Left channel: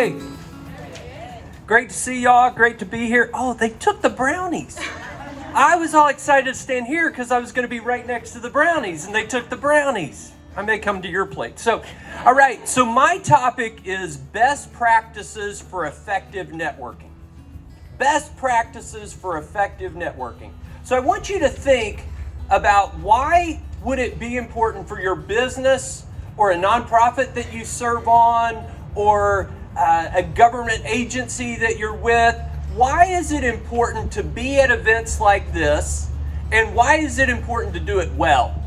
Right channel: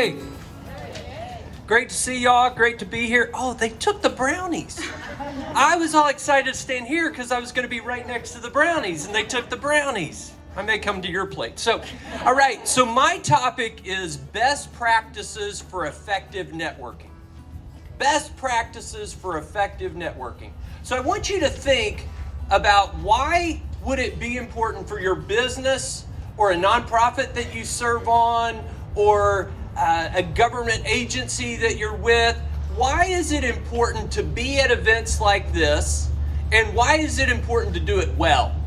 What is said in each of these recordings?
Hey, great to see y'all. Great to be here. Oh, they took the brownies. I was all excited to stand here because I was going to be right next to the brownies, and they took the brownies. I may come to your plate. So, all right. So my topic is best practices for effective networking. Best practices for effective networking. So I want you to think about why would it be important for your business or a nonprofit that you serve on or a government agency that you're with. Why is it important to be at events like this, and why is it important to do it well?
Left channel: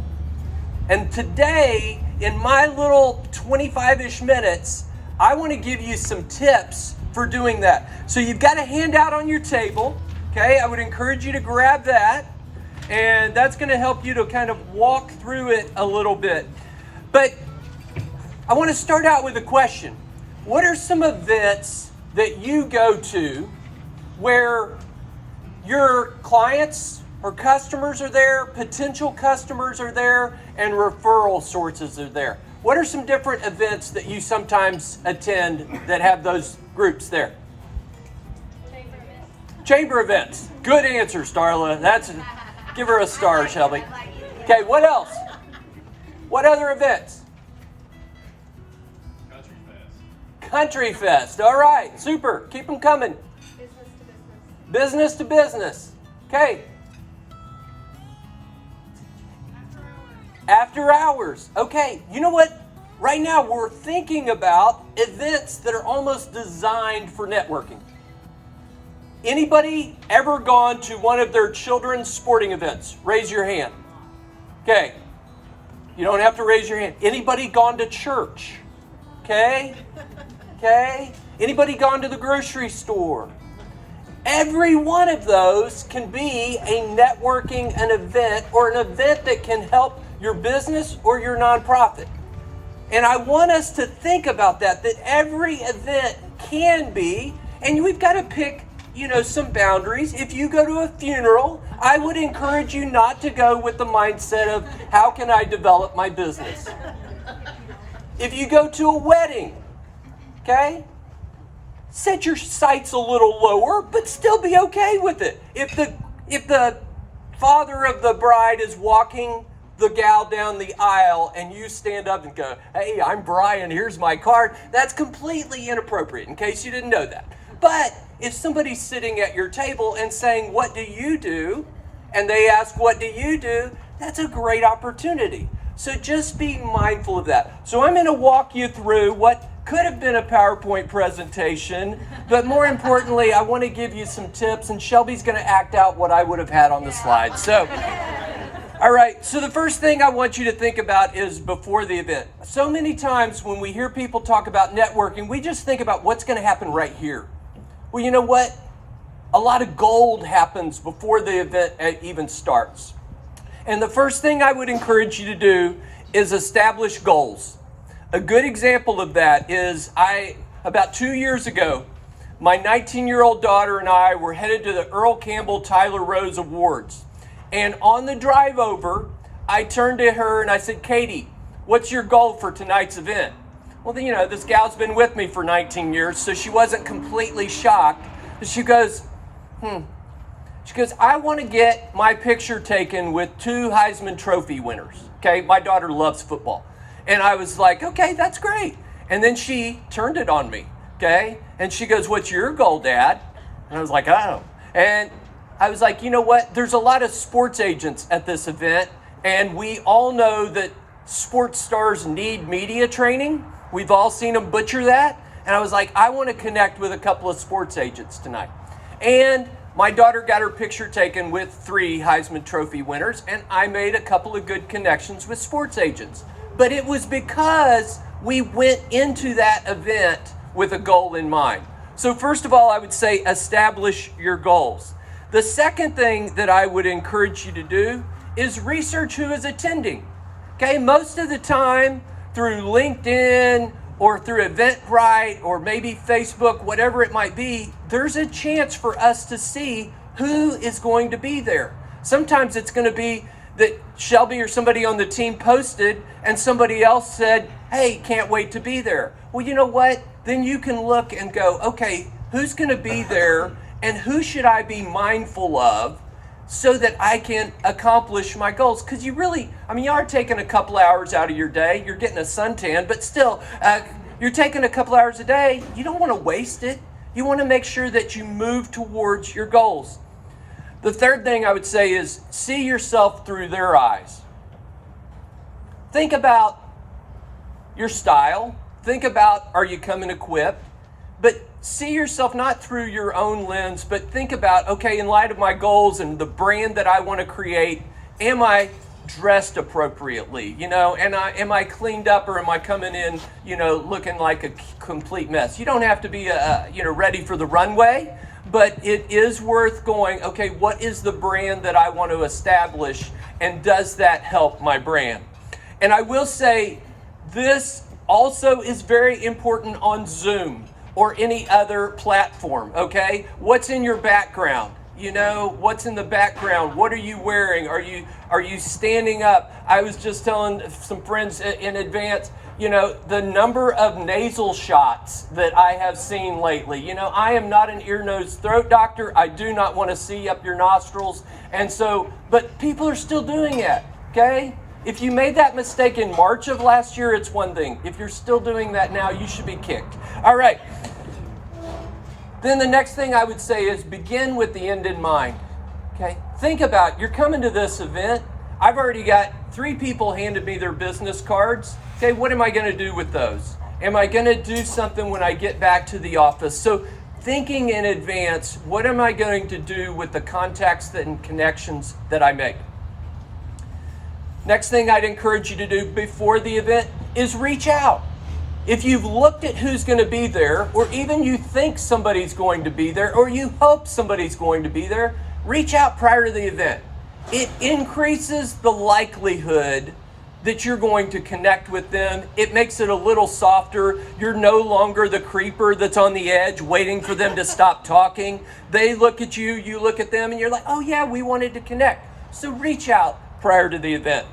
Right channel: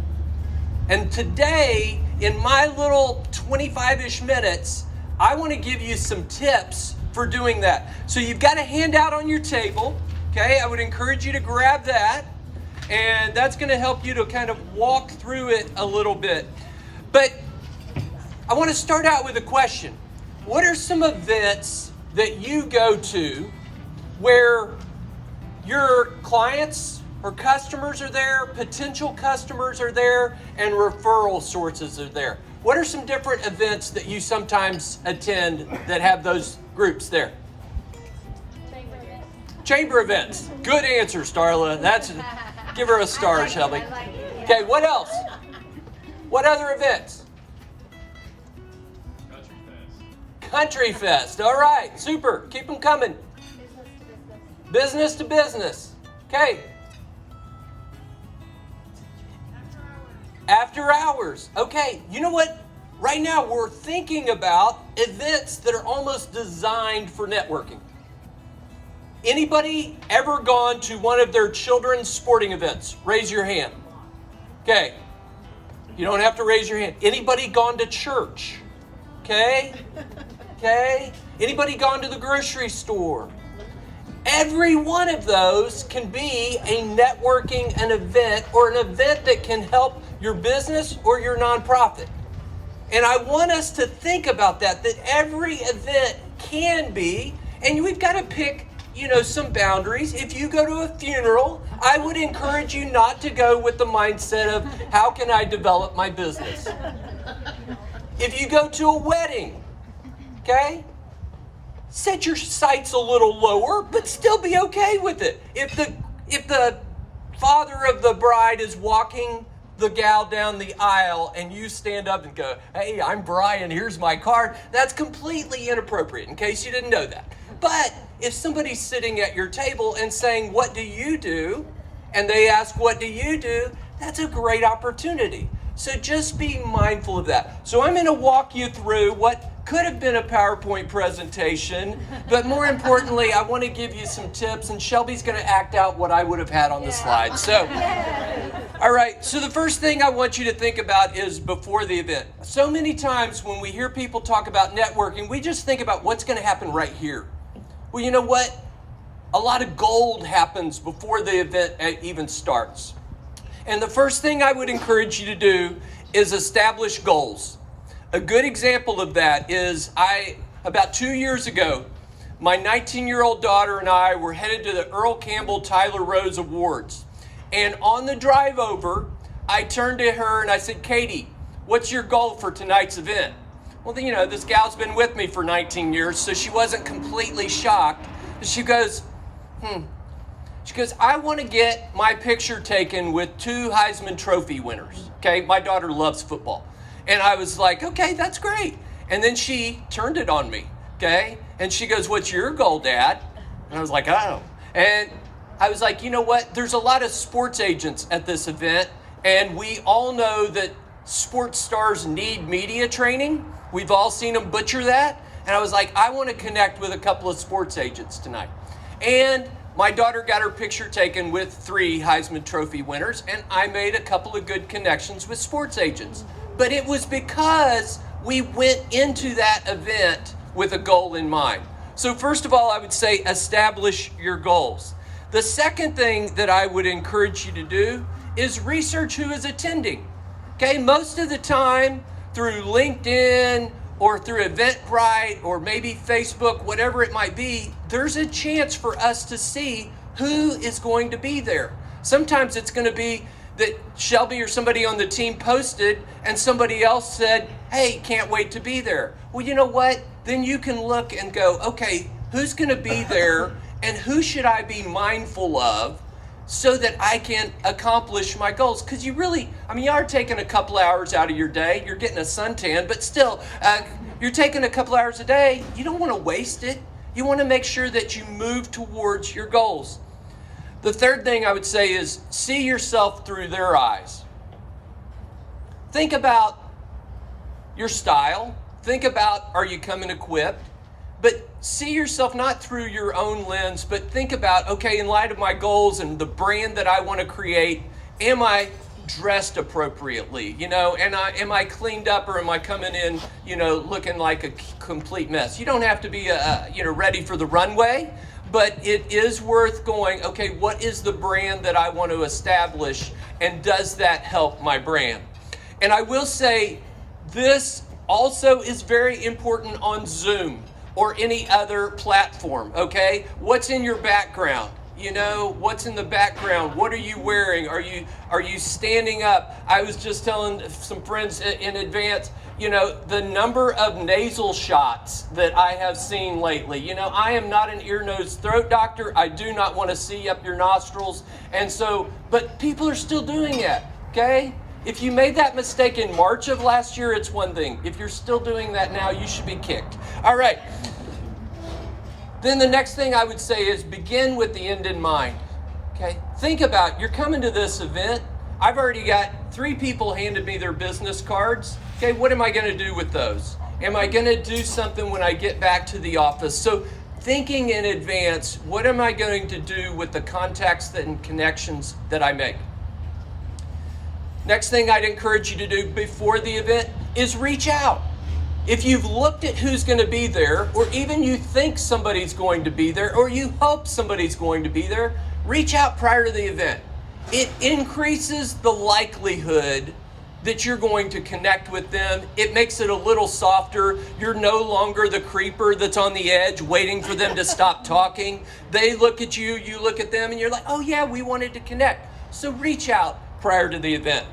And today, in my little 25-ish minutes, I want to give you some tips for doing that. So you've got a handout on your table, okay? I would encourage you to grab that, and that's going to help you to kind of walk through it a little bit. But I want to start out with a question. What are some events that you go to where your clients or customers are there, potential customers are there, and referral sources are there? What are some different events that you sometimes attend that have those groups there? Chamber events. Good answer, Starla. Give her a star, Shelby. Okay, what else? What other events? Country Fest. All right, super. Keep them coming. Business to business. Okay. After hours. Okay, you know what? Right now we're thinking about events that are almost designed for networking. Anybody ever gone to one of their children's sporting events? Raise your hand. Okay. You don't have to raise your hand. Anybody gone to church? Okay. Okay. Anybody gone to the grocery store? Every one of those can be a networking an event or an event that can help your business or your nonprofit. And I want us to think about that every event can be, and we've got to pick, some boundaries. If you go to a funeral, I would encourage you not to go with the mindset of, how can I develop my business? If you go to a wedding, okay, set your sights a little lower, but still be okay with it. If the father of the bride is walking the gal down the aisle and you stand up and go, hey, I'm Brian, here's my card, that's completely inappropriate, in case you didn't know that. But if somebody's sitting at your table and saying, what do you do? And they ask, what do you do? That's a great opportunity. So just be mindful of that. So I'm going to walk you through what could have been a PowerPoint presentation, but more importantly, I want to give you some tips, and Shelby's going to act out what I would have had on the slide. So, all right, so the first thing I want you to think about is before the event. So many times when we hear people talk about networking, we just think about what's going to happen right here. Well, you know what? A lot of gold happens before the event even starts. And the first thing I would encourage you to do is establish goals. A good example of that is about 2 years ago, my 19-year-old daughter and I were headed to the Earl Campbell Tyler Rose Awards. And on the drive over, I turned to her and I said, Katie, what's your goal for tonight's event? Well, this gal's been with me for 19 years, so she wasn't completely shocked. She goes, I want to get my picture taken with 2 Heisman Trophy winners. Okay, my daughter loves football. And I was like, okay, that's great. And then she turned it on me, okay? And she goes, what's your goal, Dad? And I was like, oh. And I was like, you know what? There's a lot of sports agents at this event, and we all know that sports stars need media training. We've all seen them butcher that. And I was like, I want to connect with a couple of sports agents tonight. And my daughter got her picture taken with 3 Heisman Trophy winners, and I made a couple of good connections with sports agents. But it was because we went into that event with a goal in mind. So first of all, I would say establish your goals. The second thing that I would encourage you to do is research who is attending. Okay, most of the time through LinkedIn or through Eventbrite or maybe Facebook, whatever it might be, there's a chance for us to see who is going to be there. Sometimes it's going to be that Shelby or somebody on the team posted and somebody else said, hey, can't wait to be there. Well, you know what? then you can look and go, okay, who's going to be there and who should I be mindful of so that I can accomplish my goals? Because you are taking a couple hours out of your day. You're getting a suntan, but still, you're taking a couple hours a day. You don't want to waste it. You want to make sure that you move towards your goals. The third thing I would say is see yourself through their eyes. Think about your style. Think about, are you coming equipped? But see yourself not through your own lens, but think about, okay, in light of my goals and the brand that I want to create, am I dressed appropriately? And am I cleaned up, or am I coming in, looking like a complete mess? You don't have to be, ready for the runway, but it is worth going, okay, what is the brand that I want to establish, and does that help my brand? And I will say this also is very important on Zoom or any other platform, okay? What's in your background? What's in the background? What are you wearing? Are you standing up? I was just telling some friends in advance, the number of nasal shots that I have seen lately. I am not an ear, nose, throat doctor. I do not want to see up your nostrils. But people are still doing it, okay? If you made that mistake in March of last year, it's one thing. If you're still doing that now, you should be kicked. All right. Then the next thing I would say is begin with the end in mind. Okay? Think about, you're coming to this event. I've already got 3 people handed me their business cards. Okay, what am I going to do with those? Am I going to do something when I get back to the office? So thinking in advance, what am I going to do with the contacts and connections that I make? Next thing I'd encourage you to do before the event is reach out. If you've looked at who's going to be there, or even you think somebody's going to be there, or you hope somebody's going to be there, reach out prior to the event. It increases the likelihood that you're going to connect with them. It makes it a little softer. You're no longer the creeper that's on the edge waiting for them to stop talking. They look at you, you look at them, and you're like, oh yeah, we wanted to connect. So reach out prior to the event.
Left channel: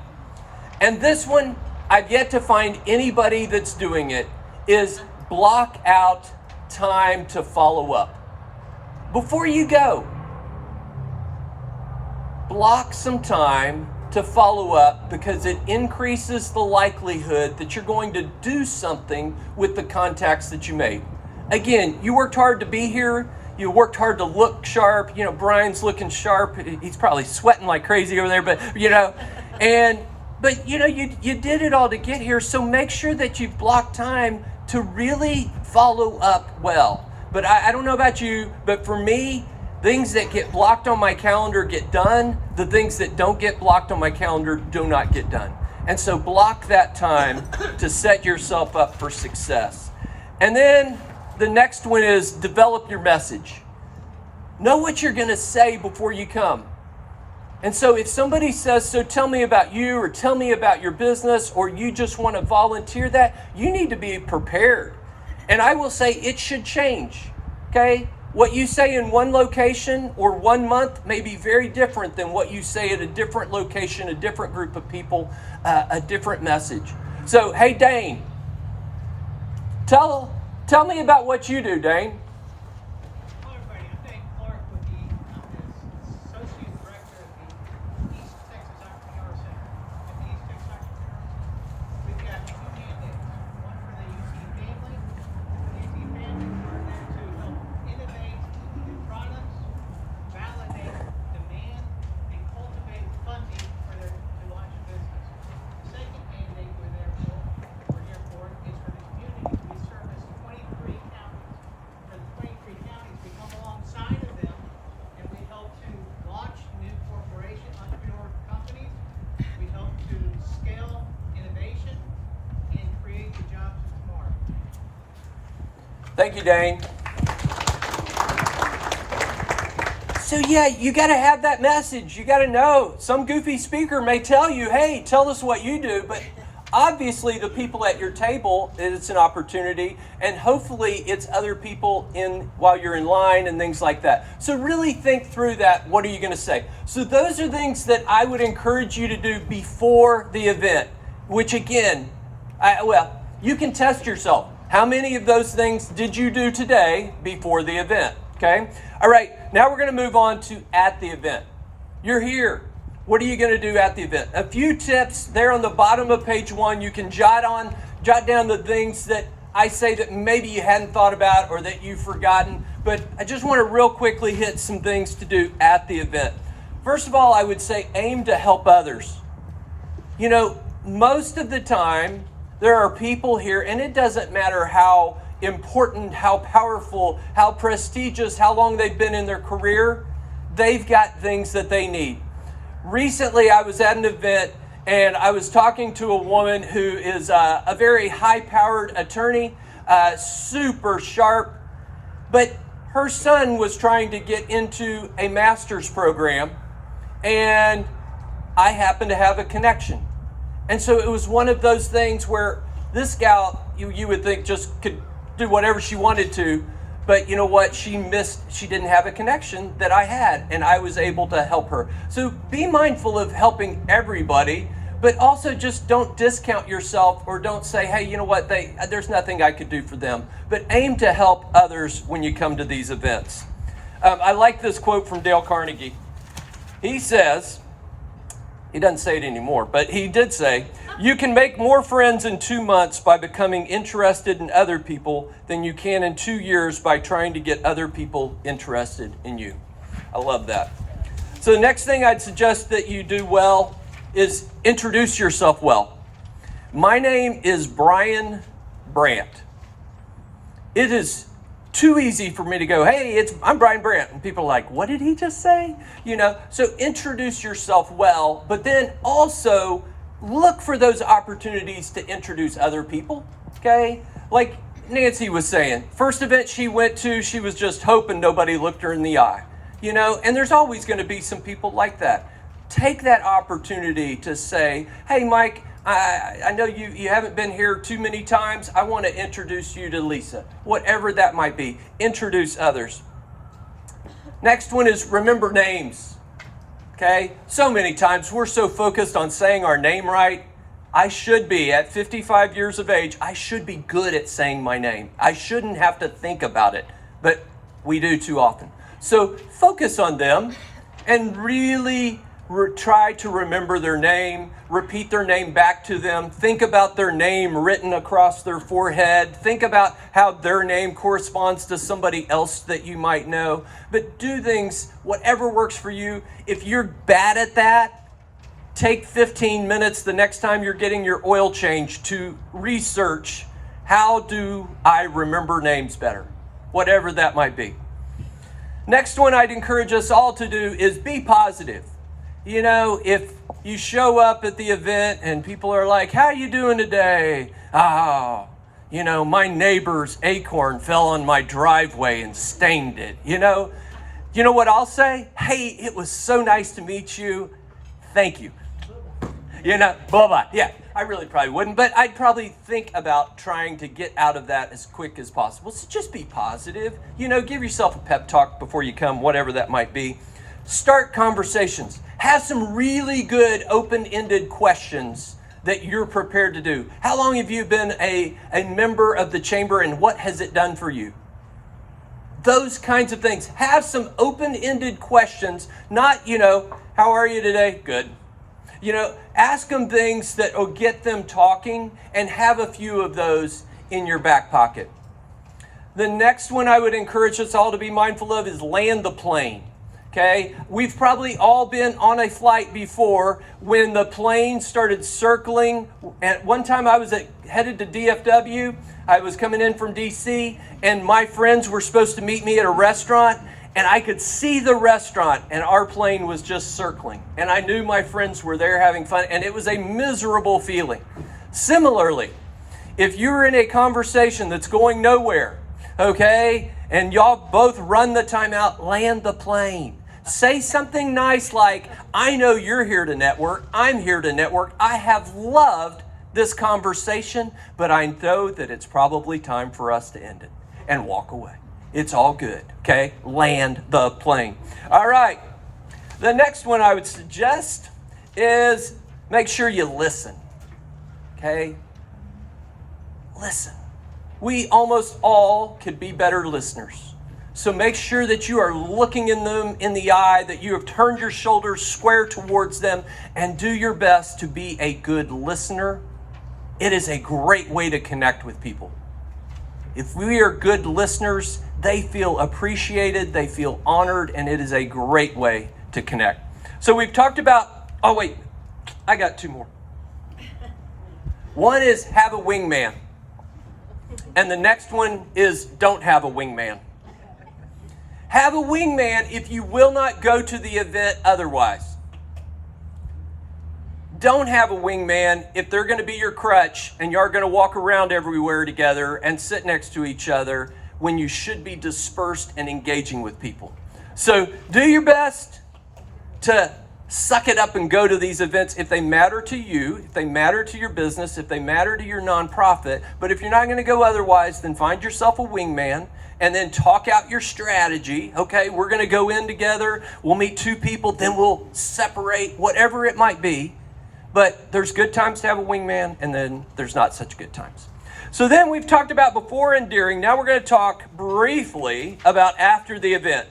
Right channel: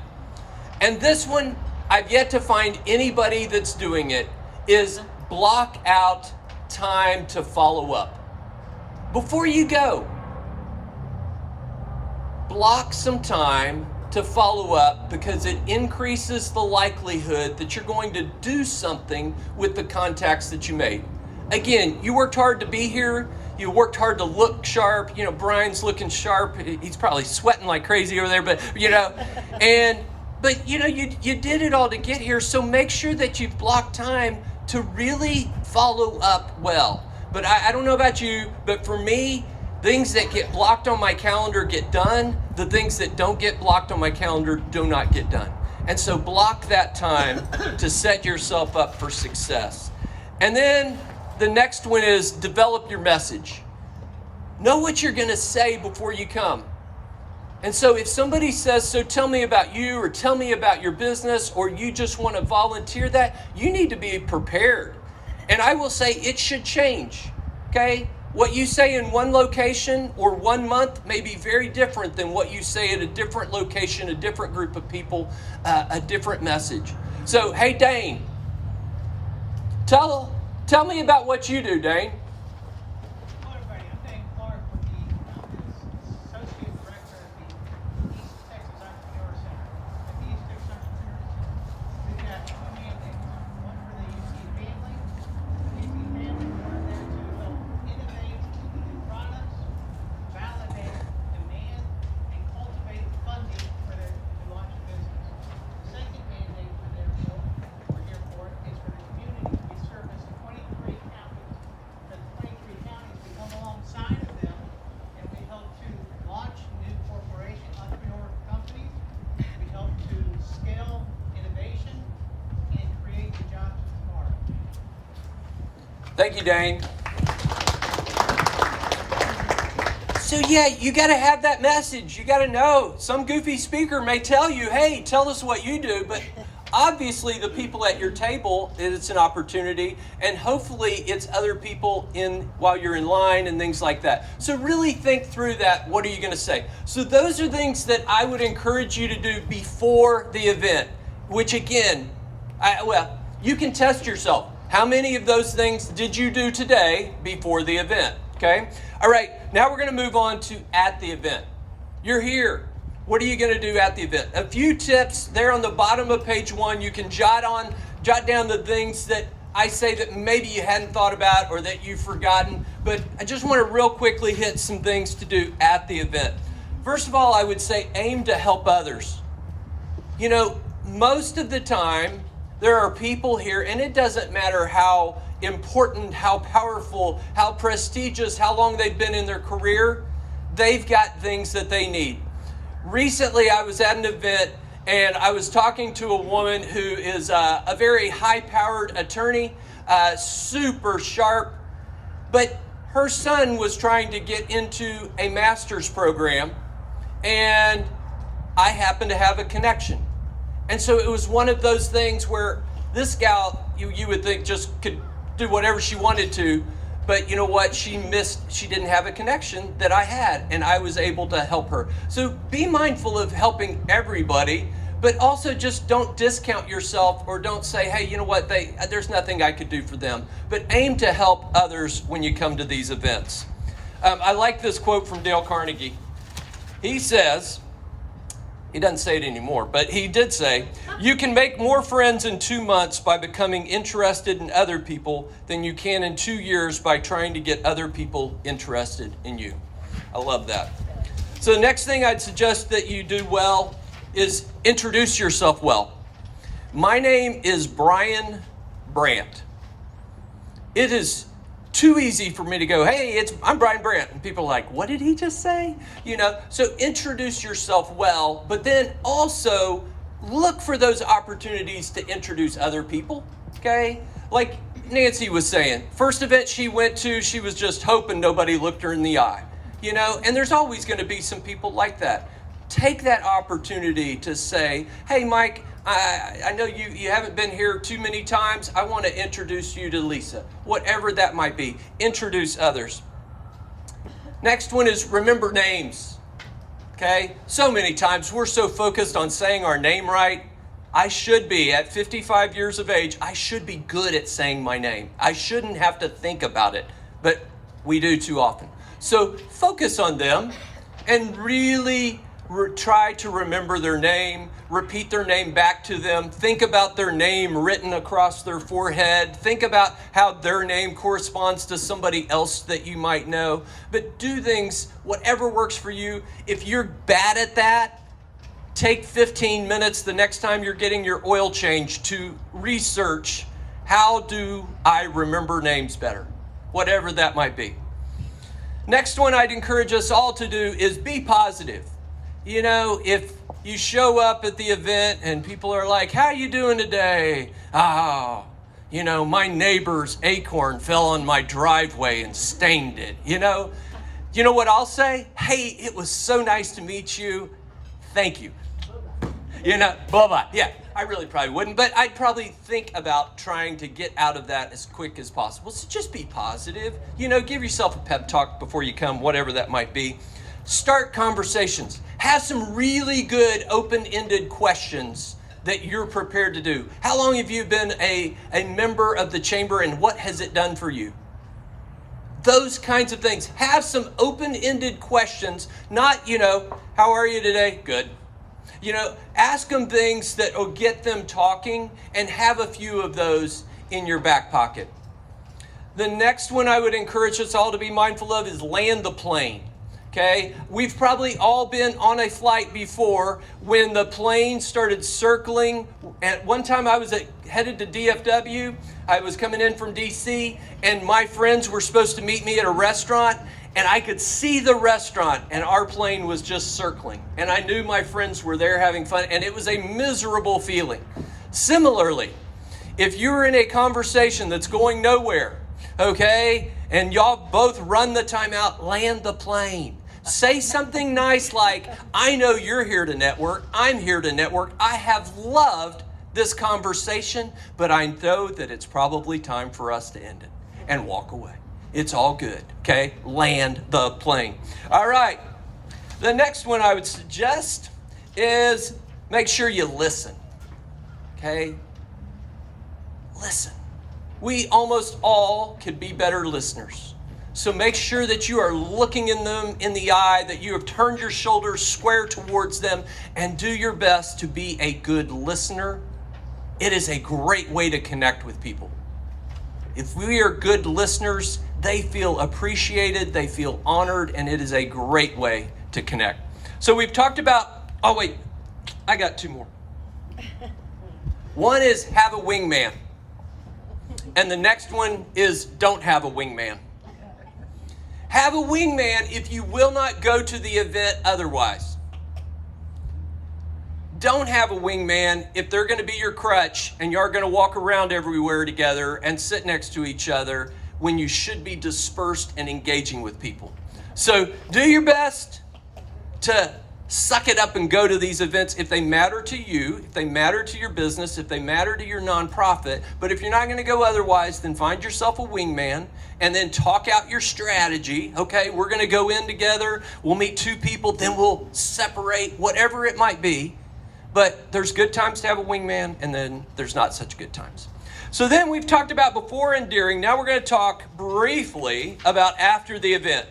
And this one, I've yet to find anybody that's doing it, is block out time to follow up. Before you go, block some time to follow up, because it increases the likelihood that you're going to do something with the contacts that you made. Again, you worked hard to be here. You worked hard to look sharp. Brian's looking sharp. He's probably sweating like crazy over there, but you did it all to get here. So make sure that you've blocked time to really follow up well. But I don't know about you, but for me, things that get blocked on my calendar get done. The things that don't get blocked on my calendar do not get done. And so block that time to set yourself up for success. And then the next one is develop your message. Know what you're going to say before you come. And so if somebody says, so tell me about you, or tell me about your business, or you just want to volunteer that, you need to be prepared. And I will say it should change, okay? What you say in one location or 1 month may be very different than what you say at a different location, a different group of people, a different message. So, hey, Dane, tell me about what you do, Dane. Thank you, Dane. So yeah, you got to have that message. You got to know. Some goofy speaker may tell you, hey, tell us what you do, but obviously the people at your table, it's an opportunity, and hopefully it's other people in while you're in line and things like that. So really think through that. What are you going to say? So those are things that I would encourage you to do before the event, which again, you can test yourself. How many of those things did you do today before the event? Okay. All right. Now we're going to move on to at the event. You're here. What are you going to do at the event? A few tips there on the bottom of page 1. You can jot down the things that I say that maybe you hadn't thought about or that you've forgotten. But I just want to real quickly hit some things to do at the event. First of all, I would say aim to help others. You know, most of the time, there are people here, and it doesn't matter how important, how powerful, how prestigious, how long they've been in their career, they've got things that they need. Recently, I was at an event, and I was talking to a woman who is a very high-powered attorney, super sharp, but her son was trying to get into a master's program, and I happened to have a connection. And so it was one of those things where this gal, you would think just could do whatever she wanted to, but you know what? She didn't have a connection that I had, and I was able to help her. So be mindful of helping everybody, but also just don't discount yourself or don't say, hey, you know what? There's nothing I could do for them. But aim to help others when you come to these events. I like this quote from Dale Carnegie. He says, he doesn't say it anymore, but he did say, you can make more friends in 2 months by becoming interested in other people than you can in 2 years by trying to get other people interested in you. I love that. So the next thing I'd suggest that you do well is introduce yourself well. My name is Brian Brandt. It is too easy for me to go, hey, I'm Brian Brandt. And people are like, what did he just say? You know, so introduce yourself well, but then also look for those opportunities to introduce other people, okay? Like Nancy was saying, first event she went to, she was just hoping nobody looked her in the eye, you know, and there's always going to be some people like that. Take that opportunity to say, hey, Mike, I know you haven't been here too many times. I want to introduce you to Lisa. Whatever that might be. Introduce others. Next one is remember names. Okay? So many times we're so focused on saying our name right. I should be, at 55 years of age, I should be good at saying my name. I shouldn't have to think about it, but we do too often. So focus on them and really try to remember their name, repeat their name back to them, think about their name written across their forehead, think about how their name corresponds to somebody else that you might know, but do things, whatever works for you. If you're bad at that, take 15 minutes the next time you're getting your oil change to research, how do I remember names better? Whatever that might be. Next one I'd encourage us all to do is be positive. You know, if you show up at the event and people are like, how are you doing today? Oh, you know, my neighbor's acorn fell on my driveway and stained it. You know what I'll say? Hey, it was so nice to meet you. Thank you. You know, blah, blah. Yeah, I really probably wouldn't, but I'd probably think about trying to get out of that as quick as possible. So just be positive. You know, give yourself a pep talk before you come, whatever that might be. Start conversations. Have some really good open-ended questions that you're prepared to do. How long have you been a member of the chamber and what has it done for you? Those kinds of things. Have some open-ended questions, not, you know, how are you today? Good. You know, ask them things that will get them talking and have a few of those in your back pocket. The next one I would encourage us all to be mindful of is land the plane. Okay, we've probably all been on a flight before when the plane started circling. At one time I was headed to DFW. I was coming in from DC and my friends were supposed to meet me at a restaurant and I could see the restaurant and our plane was just circling. And I knew my friends were there having fun and it was a miserable feeling. Similarly, if you're in a conversation that's going nowhere, okay, and y'all both run the timeout, land the plane. Say something nice like, I know you're here to network. I'm here to network. I have loved this conversation, but I know that it's probably time for us to end it and walk away. It's all good, okay? Land the plane. All right. The next one I would suggest is make sure you listen, okay? Listen. we almost all can be better listeners. So make sure that you are looking in them in the eye, that you have turned your shoulders square towards them, and do your best to be a good listener. It is a great way to connect with people. If we are good listeners, they feel appreciated, they feel honored, and it is a great way to connect. So we've talked about, oh wait, I got two more. One is have a wingman. And the next one is don't have a wingman. Have a wingman if you will not go to the event otherwise. Don't have a wingman if they're going to be your crutch and you're going to walk around everywhere together and sit next to each other when you should be dispersed and engaging with people. So do your best to suck it up and go to these events if they matter to you, if they matter to your business, if they matter to your nonprofit. But if you're not going to go otherwise, then find yourself a wingman and then talk out your strategy. Okay, we're going to go in together. We'll meet two people, then we'll separate, whatever it might be. But there's good times to have a wingman, and then there's not such good times. So then we've talked about before and during. Now we're going to talk briefly about after the event.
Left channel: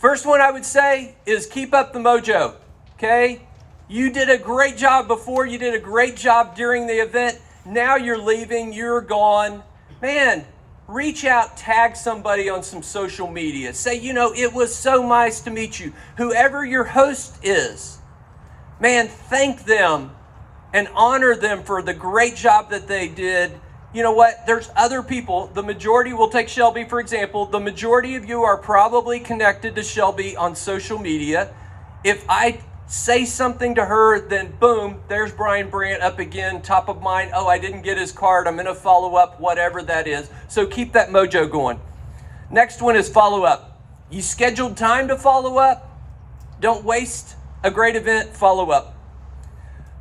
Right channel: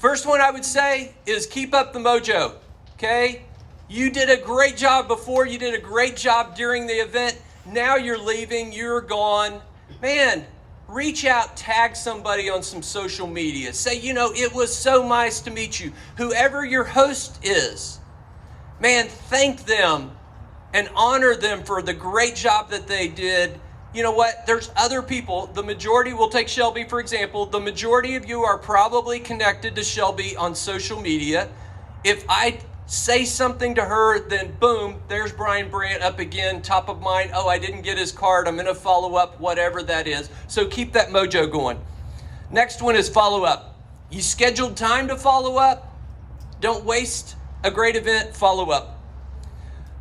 First one I would say is keep up the mojo, okay? You did a great job before, you did a great job during the event. Now you're leaving, you're gone. Man, reach out, tag somebody on some social media. Say, it was so nice to meet you. Whoever your host is, man, thank them and honor them for the great job that they did. You know what? There's other people. The majority, we'll take Shelby for example. The majority of you are probably connected to Shelby on social media. If I say something to her, then boom, there's Brian Brandt up again, top of mind. Oh, I didn't get his card. I'm going to follow up, whatever that is. So keep that mojo going. Next one is follow up. You scheduled time to follow up. Don't waste a great event, follow up.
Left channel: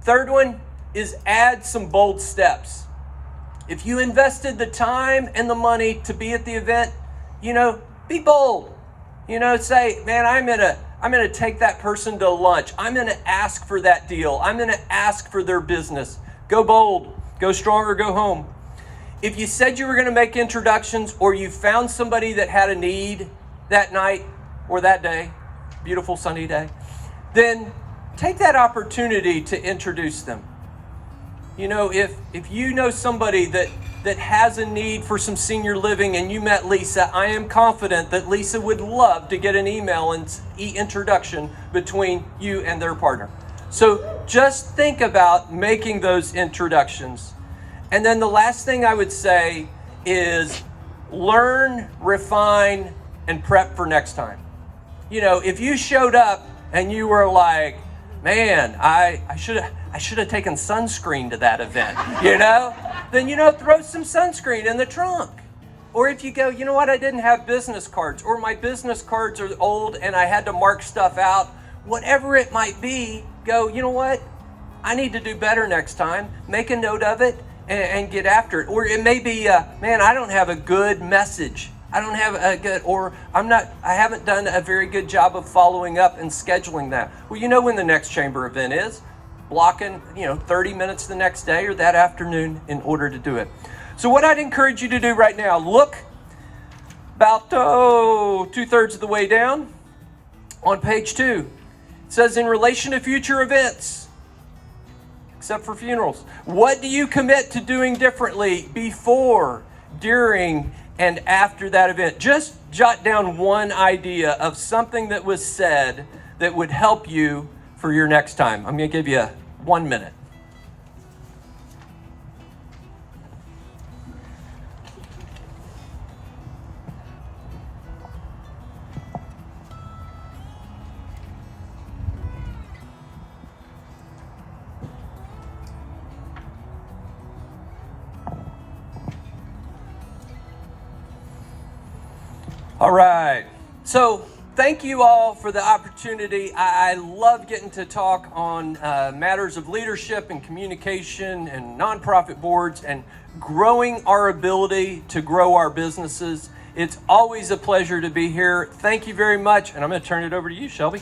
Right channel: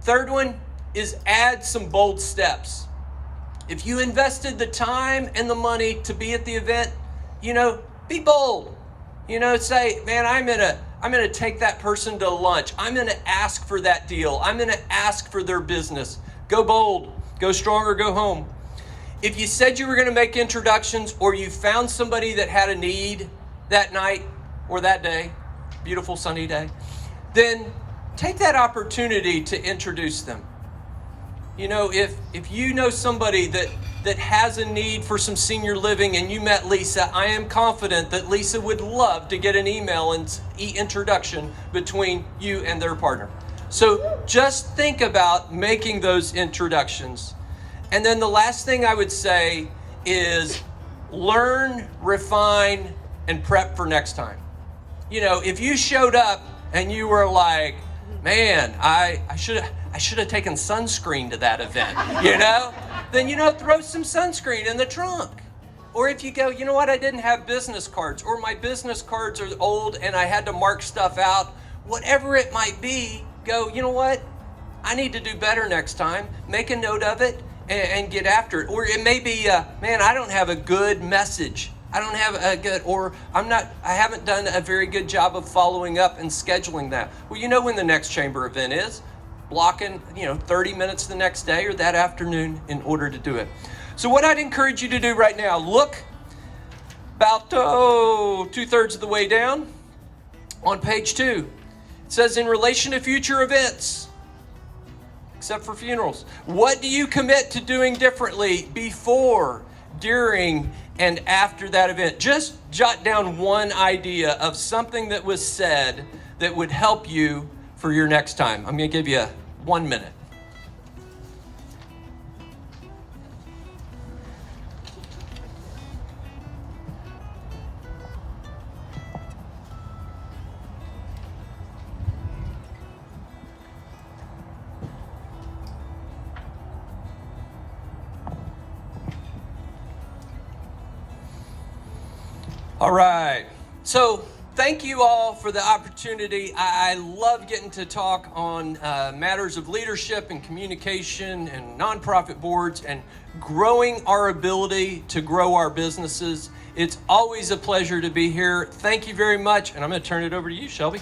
Third one is add some bold steps. If you invested the time and the money to be at the event, be bold. Say, man, I'm gonna take that person to lunch. I'm gonna ask for that deal. I'm gonna ask for their business. Go bold, go strong or go home. If you said you were gonna make introductions or you found somebody that had a need that night or that day, beautiful sunny day, then take that opportunity to introduce them. If you know somebody that has a need for some senior living and you met Lisa, I am confident that Lisa would love to get an email and introduction between you and their partner. So just think about making those introductions. And then the last thing I would say is learn, refine, and prep for next time. If you showed up and you were like, man, I should have taken sunscreen to that event, then, throw some sunscreen in the trunk. Or if you go, you know what, I didn't have business cards, or my business cards are old and I had to mark stuff out, whatever it might be, go, you know what, I need to do better next time. Make a note of it and get after it. Or it may be, man, I don't have a good message. I don't have a good, or I haven't done a very good job of following up and scheduling that. Well, when the next chamber event is, blocking, 30 minutes the next day or that afternoon in order to do it. So what I'd encourage you to do right now, look about 2/3 of the way down on page 2. It says, in relation to future events, except for funerals, what do you commit to doing differently before, during, and after that event? Just jot down one idea of something that was said that would help you for your next time. I'm going to give you 1 minute. All right. So thank you all for the opportunity. I love getting to talk on matters of leadership and communication and nonprofit boards and growing our ability to grow our businesses. It's always a pleasure to be here. Thank you very much. And I'm going to turn it over to you, Shelby.